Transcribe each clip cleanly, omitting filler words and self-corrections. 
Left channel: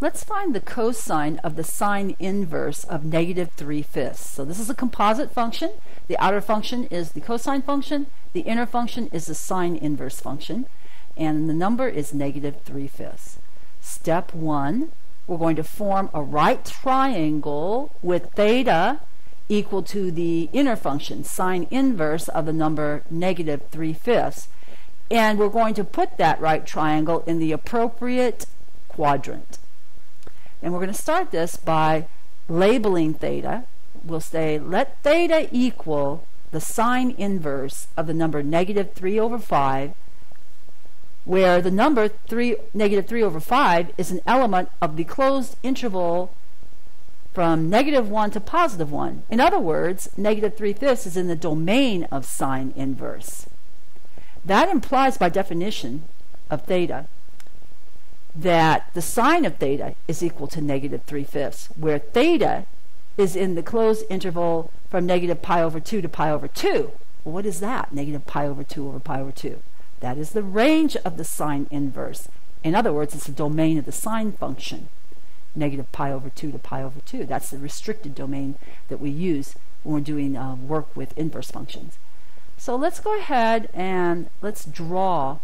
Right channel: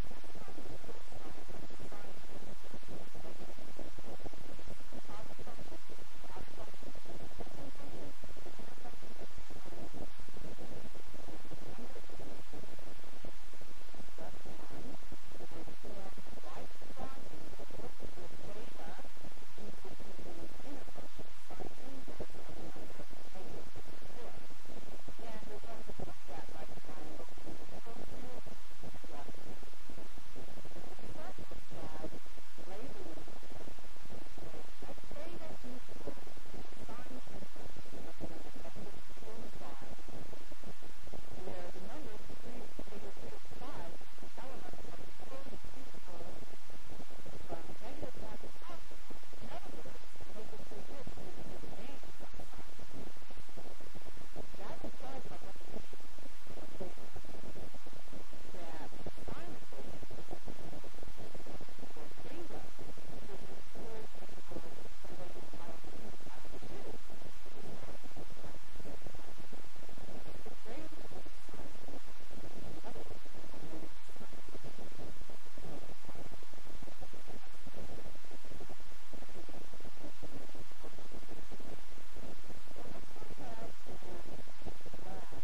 Let's find the cosine of the sine inverse of negative 3/5. So this is a composite function. The outer function is the cosine function. The inner function is the sine inverse function. And the number is negative 3/5. Step 1, we're going to form a right triangle with theta equal to the inner function, sine inverse of the number negative 3/5. And we're going to put that right triangle in the appropriate quadrant. And we're going to start this by labeling theta. We'll say, let theta equal the sine inverse of the number negative 3/5, where the number negative 3/5 is an element of the closed interval from -1 to +1. In other words, negative 3/5 is in the domain of sine inverse. That implies, by definition of theta, that the sine of theta is equal to negative 3/5, where theta is in the closed interval from negative pi/2 to pi/2. Well, what is that? Negative pi/2 over pi/2. That is the range of the sine inverse. In other words, it's the domain of the sine function, negative pi/2 to pi/2. That's the restricted domain that we use when we're doing work with inverse functions. So let's go ahead and let's draw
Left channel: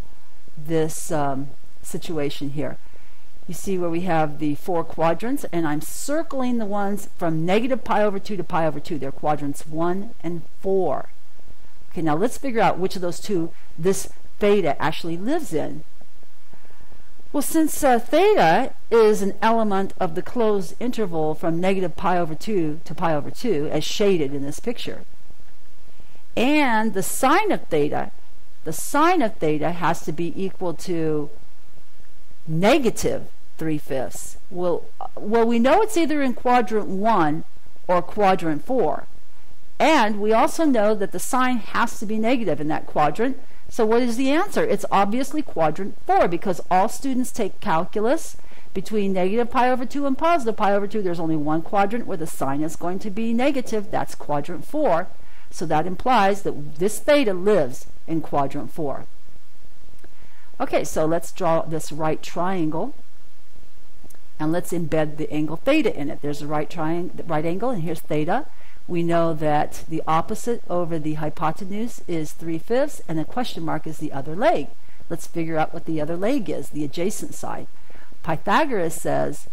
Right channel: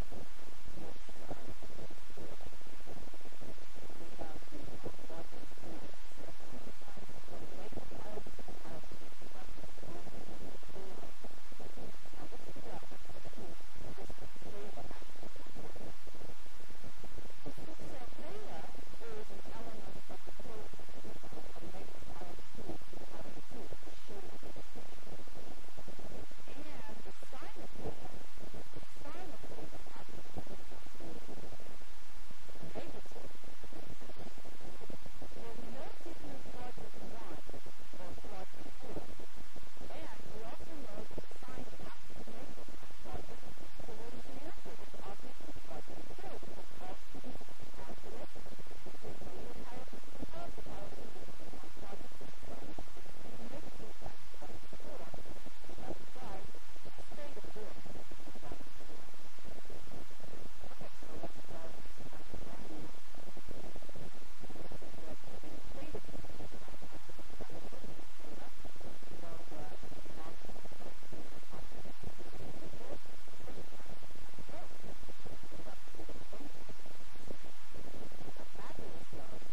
this situation here. You see where we have the 4 quadrants, and I'm circling the ones from negative pi/2 to pi/2. They're quadrants 1 and 4. Okay, now let's figure out which of those two this theta actually lives in. Well, since theta is an element of the closed interval from negative pi/2 to pi/2, as shaded in this picture, and the sine of theta has to be equal to negative 3/5. Well, we know it's either in quadrant 1 or quadrant 4. And we also know that the sine has to be negative in that quadrant. So what is the answer? It's obviously quadrant 4, because all students take calculus between negative pi/2 and positive pi/2. There's only one quadrant where the sine is going to be negative. That's quadrant 4. So that implies that this theta lives in quadrant 4. Okay, so let's draw this right triangle, and let's embed the angle theta in it. There's a right angle, and here's theta. We know that the opposite over the hypotenuse is 3/5, and a question mark is the other leg. Let's figure out what the other leg is, the adjacent side. Pythagoras says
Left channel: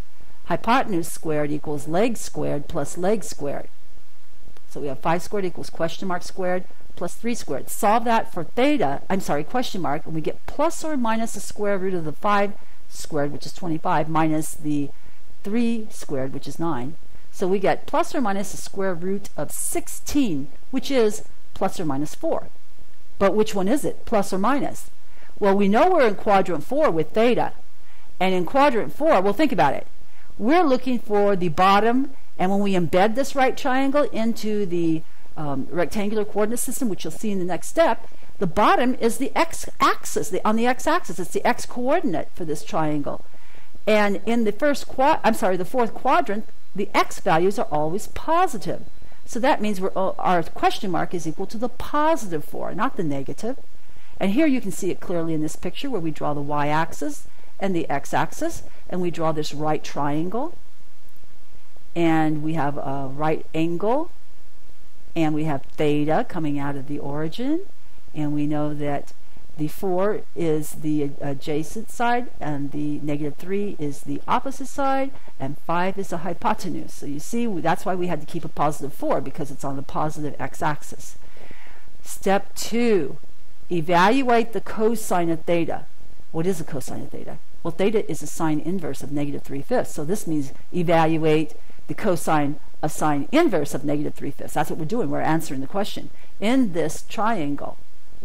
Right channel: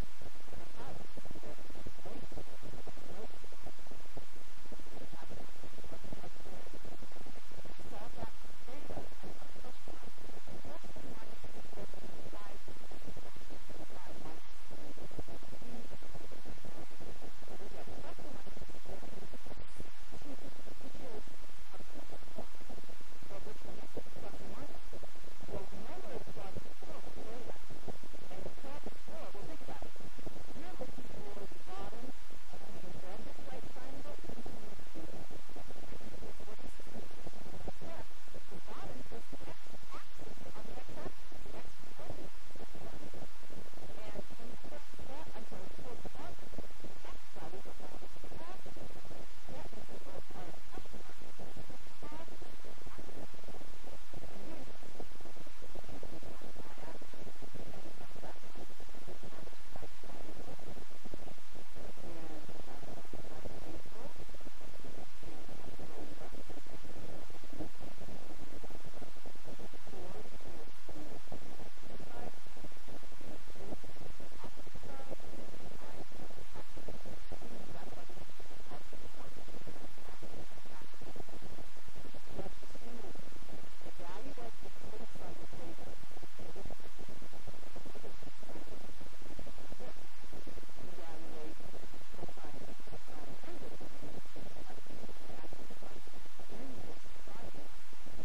hypotenuse squared equals leg squared plus leg squared. So we have 5 squared equals question mark squared plus 3 squared. Solve that for theta, question mark, and we get plus or minus the square root of the 5 squared, which is 25, minus the 3 squared, which is 9. So we get plus or minus the square root of 16, which is plus or minus 4. But which one is it, plus or minus? Well, we know we're in quadrant 4 with theta. And in quadrant 4, well, think about it. We're looking for the bottom, and when we embed this right triangle into the rectangular coordinate system, which you'll see in the next step, the bottom is the x-axis. On the x-axis, it's the x-coordinate for this triangle. And in the fourth quadrant, the x values are always positive. So that means our question mark is equal to the positive 4, not the negative. And here you can see it clearly in this picture where we draw the y-axis and the x-axis, and we draw this right triangle. And we have a right angle, and we have theta coming out of the origin, and we know that the 4 is the adjacent side, and the negative 3 is the opposite side, and 5 is the hypotenuse. So you see, that's why we had to keep a positive 4, because it's on the positive x-axis. Step 2, evaluate the cosine of theta. What is the cosine of theta? Well, theta is a sine inverse of negative 3/5. So this means evaluate the cosine of sine inverse of negative 3/5. That's what we're doing. We're answering the question. In this triangle,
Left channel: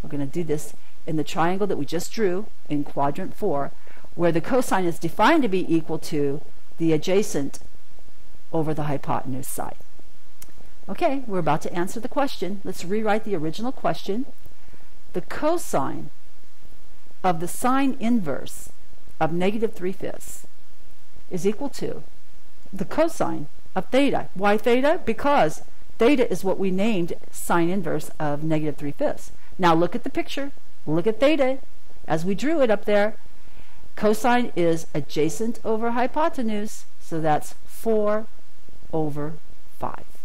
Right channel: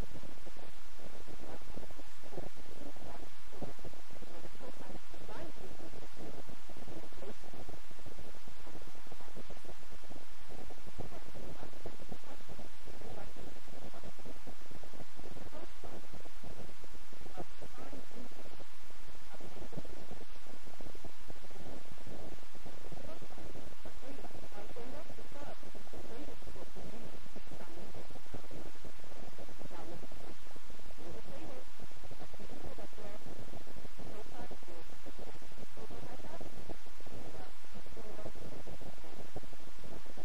we're going to do this in the triangle that we just drew in quadrant 4, where the cosine is defined to be equal to the adjacent over the hypotenuse side. Okay, we're about to answer the question. Let's rewrite the original question. The cosine of the sine inverse of negative 3/5 is equal to the cosine of theta. Why theta? Because theta is what we named sine inverse of negative 3/5. Now look at the picture. Look at theta as we drew it up there. Cosine is adjacent over hypotenuse, so that's 4 over 5.